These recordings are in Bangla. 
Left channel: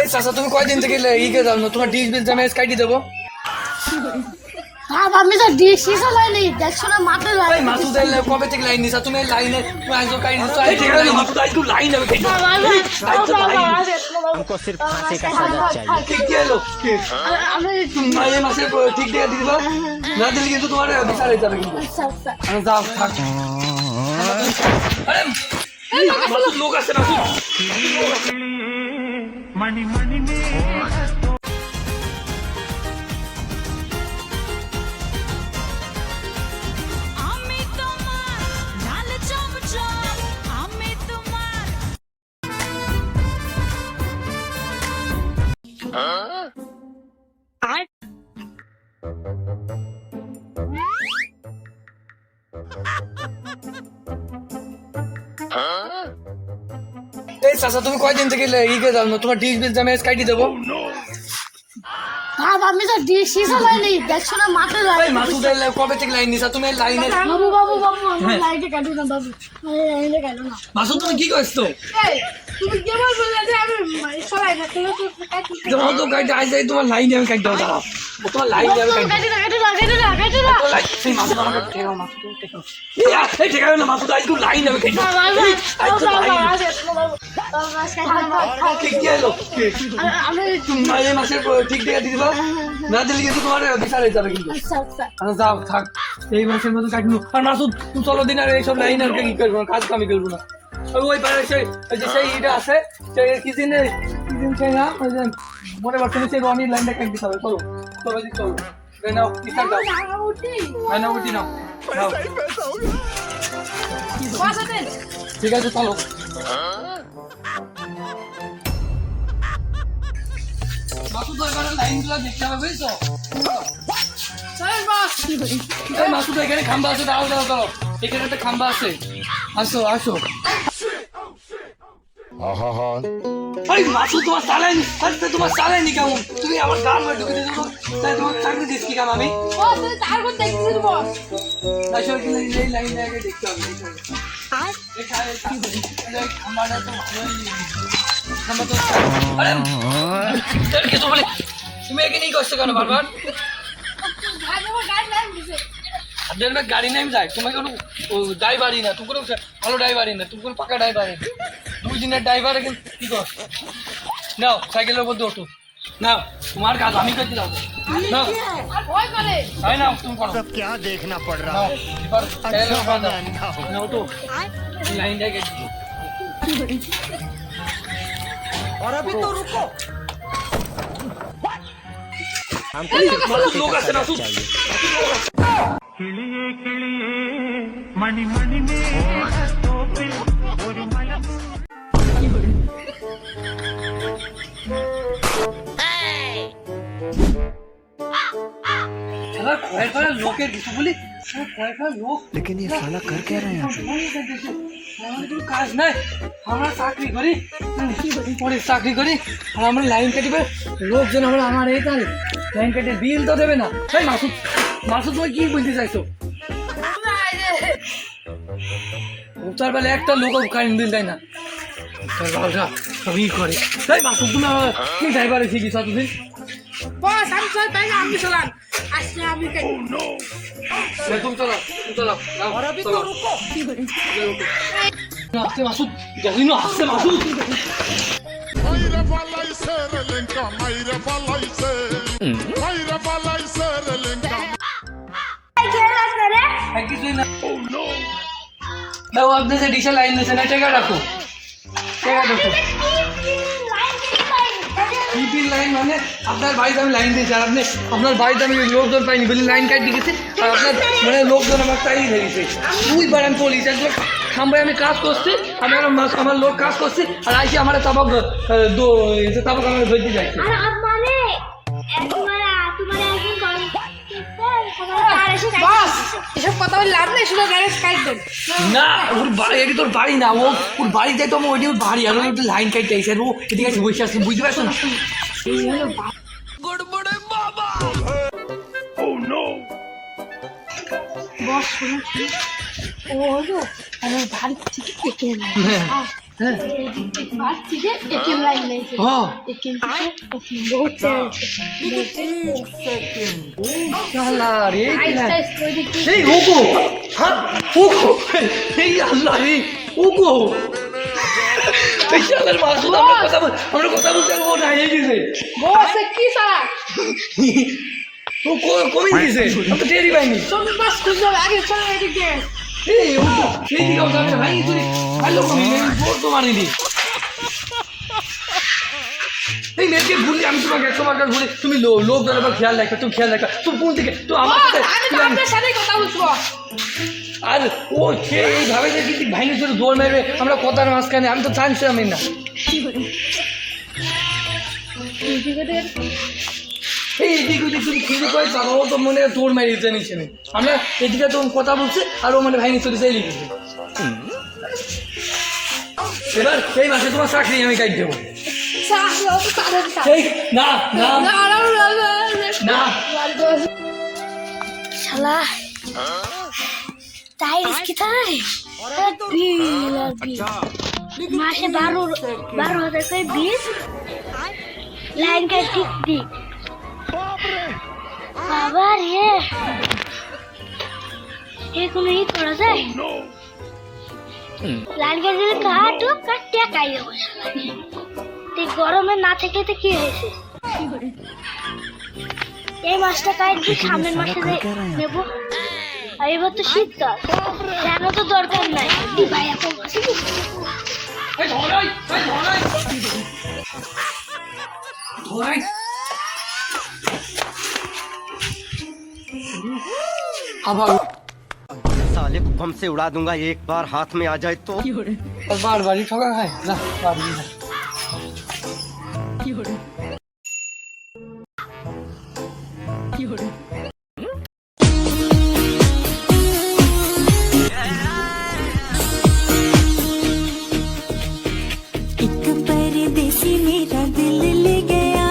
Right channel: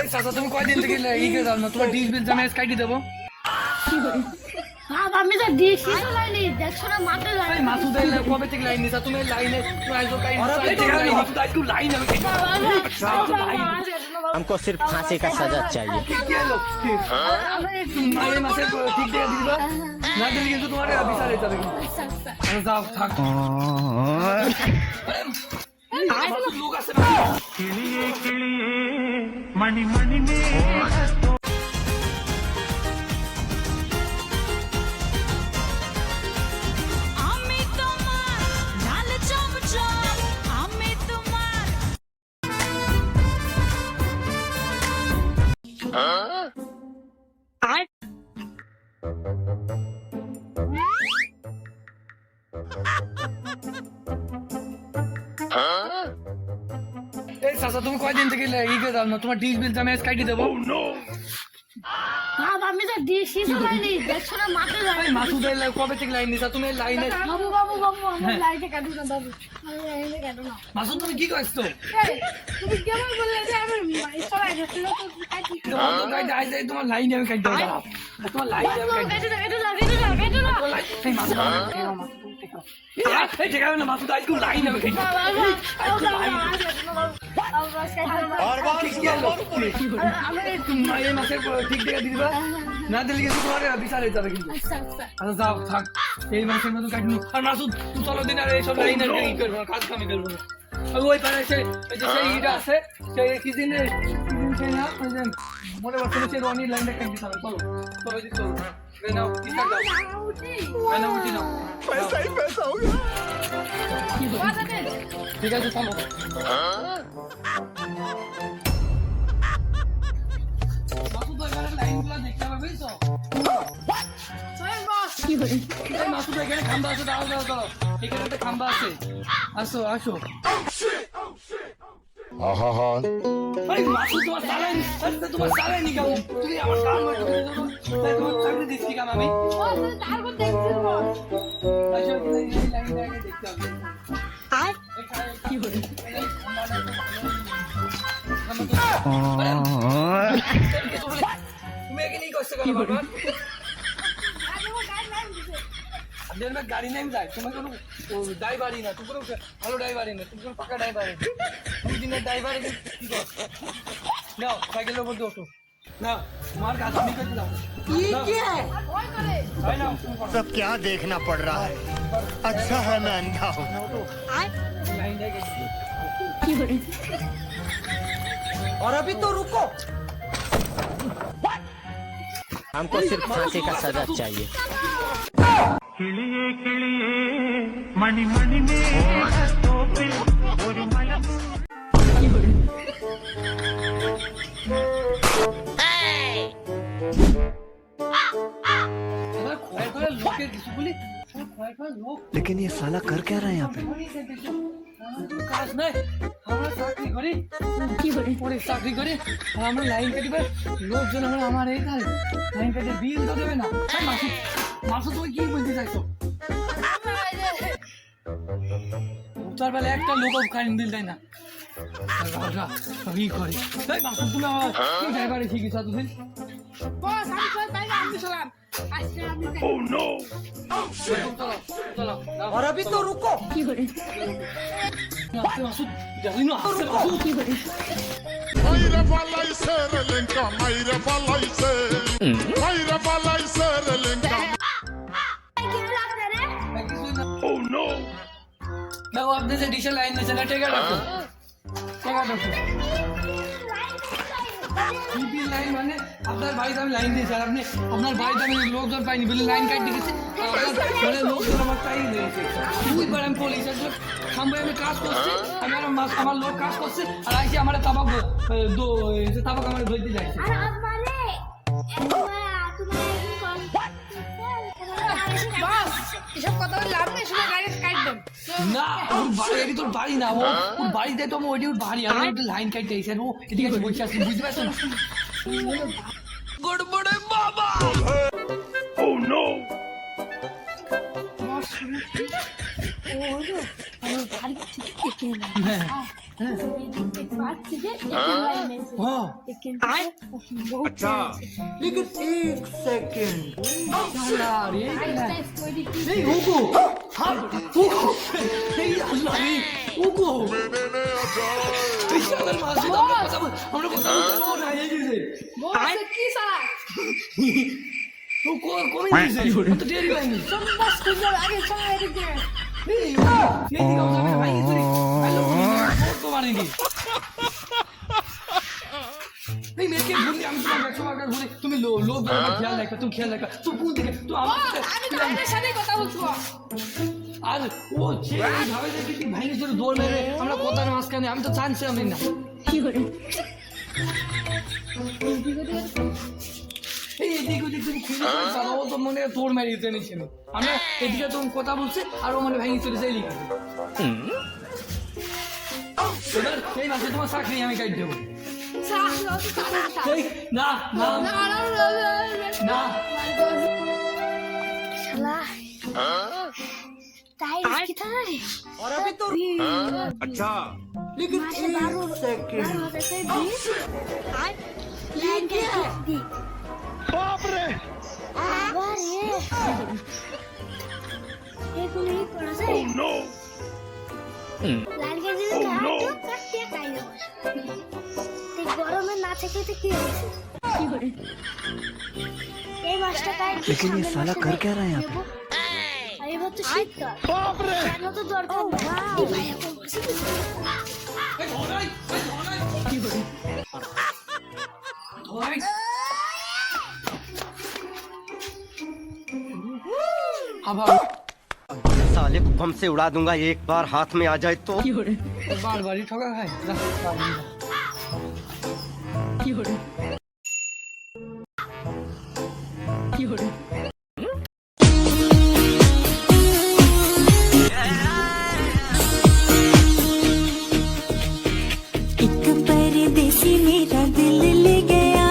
এই চাচা তুমি কয়দিন থেকে ইকে যাও না তোমার ডিশ বিল জমা কাটি দেবো আমি তো ডিসি চালাইনি দেখছো না মাথা এই মাসুদ আইল কবে থেকে লাইন নিছা তুমি লাইনে তুমি আইছো কাই মাসুদ আইল লাইন हमको सिर्फ फांसी का सजा चाहिए। কি হলো এই মাসে ঠিক দিয়ে দিবা না দিলে কিন্তু তোমার বিচার হয়ে যাবে যাও থাক আরে মাসুদ লোক আছে না मणि मणि में এই চাচা তুমি কয়দিন থেকে ইকে যাও না তোমার ডিশ বিল জমা কাটি দেবো আমি তো ডিসি চালাইনি দেখছো না মাথা এই মাসুদ আইল কবে থেকে লাইন নিছা তুমি লাইনে বাবু আমার লাইটে কাটো না বাবু আমি লাইটে কাটো না মাসুদ তুমি কি করছো তুমি কেমন বললে যে আমি চালাই না যখন তো গাড়ি আইছে তোমার লাইনে আমি কাটি দেবো তোমার লাইনে আমি কাটি কাটো না এই মাসুদ এই ঠিক আছে না মাসুদ আইল লাইন আমি কাটি এই মাসে ঠিক দিয়ে দিবা না দিলে কিন্তু তোমার বিচার হয়ে যাবে কিন্তু যাও থাক এই মাসের মধ্যে কাটবো আর মাসুদ তুই চলো দিন আর এইসব লাইন আর কি করবো না কাজ কামি করবো না ওই পারে সেই ইটা আছে সেই কি দিন না ওই যে মনে করছি সেই রনির লাইনটা কেটে দিতে হবে চলো চলো দিতে চলো নাও টিকা দাও আনা উঠি নাও ঠিক আছে চলো মাসুদ ওখানে লাইনগুলো দেখতে হবে বুঝছো এই মাসুদ এখানে খাম্বা আছে দাও দাও দাও এখানে একটা খাম্বা আছে আসো আসো আরে মাসুদ তোমার সালেন আরে তোমার সালেন নি কাউ তুমি আমার কাম করে দিতে তাই তোমার চাকরি দিস কি কাম আমি ও তুই তার করতে দেখছিস বস আসো এই লাইনটা আগে দেখতে হবে আর এখানে কি বলি আমারটা তো ভালো তুমি এখানে কি করছো কেন বারবার আপনার में गाड़ी नहीं जाए तुम्हें কোনো ড্রাইভারই না তুমি কোনো ভালো ড্রাইভারই না তুমি কোনো পাকা ড্রাইভারই না তুমি দিনের ড্রাইভার কি কর নাও সাইকেলের উপর ওঠো নাও তোমার কাজ আমি করতে দাও নাও ওই করে তাই নাও তুমি করো सब क्या देखना पड़ रहा है। अच्छा है मैं अंधा हूँ। নাও তো লাইন দেখে और अभी तो रुको हमको सिर्फ फांसी का सजा चाहिए। किलिए किलिए मणि मणि में तो फिर और मलम লোকের কিছু বলি লোক लेकिन ये साला कर क्या रहा है यहाँ पे কাজ নাই আমরা চাকরি করি কি করি পুলিশ চাকরি করি আর আমরা লাইন কাটিবে লোকজন আমরা আমার এই কাল লাইন কাটে বিল তো দেবে না এই মাসুদ মাসুদ তুমি কি বলতে চাইছো তার বেলা একটা লোক কারেন্ট বিল দেয় না সবই করে এই মাসুদ তুমি আমার কি ড্রাইভারে শিখিস তুমি বস আমি চল তাই আমি চালান আজকে আমি তুমি চলো চলো और अभी तो रुको আসছে মাসুদ জানি না আসছে Masud Mayra balayse relenka, mayra balayse, mayra balayse relenka. मैं वो अपने से डीशा लाइन से ना टेका रखो टीपी लाइन माने আপনার বাড়িতে আমি লাইন দিয়েছি আর আপনি আপনার বাড়িতে আমি লোকজন পাইনি বলে লাইন কাটি গেছে আর আপনার মানে লোকজন আমার তাই ধরেছে দুইবার আমি পুলিশ একবার খাম্বায় আমি কাজ করছি আমি আমার লোক কাজ করছে আর আইসি আমার তাবাক তাবাক আমার ধরতে যাচ্ছে বস এসব কথা বলে লাভ নেই শুধু ডাইরেক্ট কাট দেন না ওর বাড়ি এটি তোর বাড়ি না ওর বাড়িতে তো আমি ওইটি ওর বাড়ি আর ওটা লাইন কাটতে আইসি আর ও এদিকে এসে বসে আসছে বুঝতে পারছো না গড়বড়ে বাবা বস শুনে ও হলো আমার বাড়ি থেকে কেটে না হ্যাঁ পাচ্ছি যে একই লাইন নেই হ্যাঁ अच्छा लेकिन एक सेकंड শালা রে আইসটা স্টোরি দেখি এই ওগো হ্যাঁ ওগো এই আল্লাহ এই ওগো এই শালার মাছ তো আমরা কথা বলতে ও না এই গেছে বস কি সারা ও কমে গেছে তো টেরি পাইনি সব বাস খুঁজে আগে চলে এদিকে এই ও এই দিকে যাবে ভাই হ্যালো কত মারিনি এই মেয়েকে ভুলি আমি তোমার কাছে বলি তুমি লোক ধরে খেয়াল রাখো তুমি খেয়াল রাখো তুমি কোন দিকে তো আমার বস আমি তো আপনার সাথে কথা বলবো আর ও এইভাবে যে কি ভাইনি ধরে দৌড় মেরে আমরা কথার মাঝখানে আমি তো চাইছিলাম না এই এদিকে ওদিকে তুমি খুঁজে পাই তারা ও তো মনে হয় দৌড় মেরে নিচ্ছে না আমরা এদিকে তো কথা বলছি আর ও মানে ভাইনি চলে চাই লিখেছি এবার এই মাসে তোমার চাকরি আমি কাজ দেবো এই না না না শালা তাই কি তাই और अभी तो अच्छा लेकिन মাসে एक 12,000 করে বিশ লাইন কে দিক বাবা রে এগুলো ই করা যায় লাইন কে দিলে কাটো কাটিয়া খাই দেবো তে গরমে না থেকে তো কি হয়েছে এই মাসটা কাই দিয়ে সামনে মাসে নেব আর এবার তো শীতকাল কেন তো দরকার নাই ভাই এখন মাসে এই ধরাই ধরাই আবার साले को बम से उड़ा दूंगा एक बार हाथ में आ जाए तो বারবারই ঠকা খায় না বারবারই না। एक परदेसी मेरा दिल ले गया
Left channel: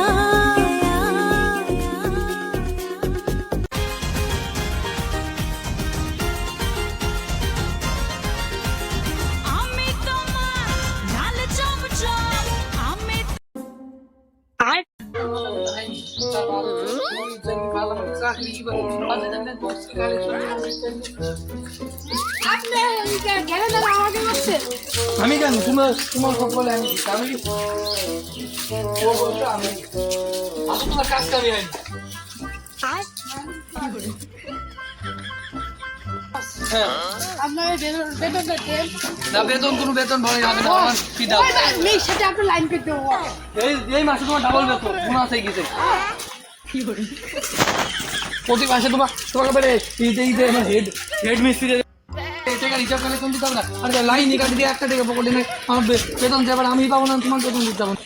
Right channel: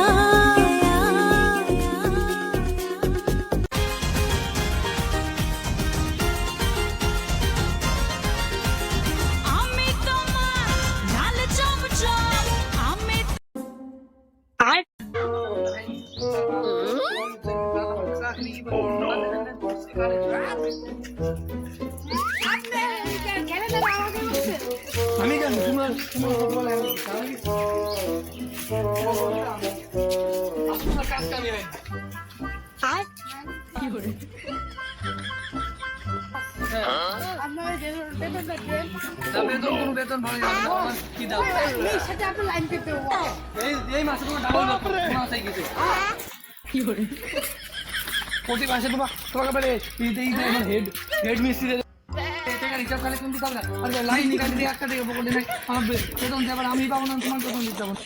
আমি তোমার লাল চমচম আমি আমি জানি তোমার বলে আমি তোমার কাজ কামি আনি আপনার বেতনটা দেন না বেতন কোনো বেতন ভালো লাগে না আমার কি দাও নেই সেটা আপনি লাইন পেতে দেবো এই মাসে তোমার ডাবল বেতন মাসে গেছে প্রতি মাসে তোমার ব্যাপারে ঈদে হেড মিস্ত্রি রিচার্জ কালেকশন দিতে হবে না আর লাইন নিকাশ দিয়ে 1 টাকা পকেটে নেই আমার বেতন দেবার আমি পাবো না তোমার বেতন দিতে হবে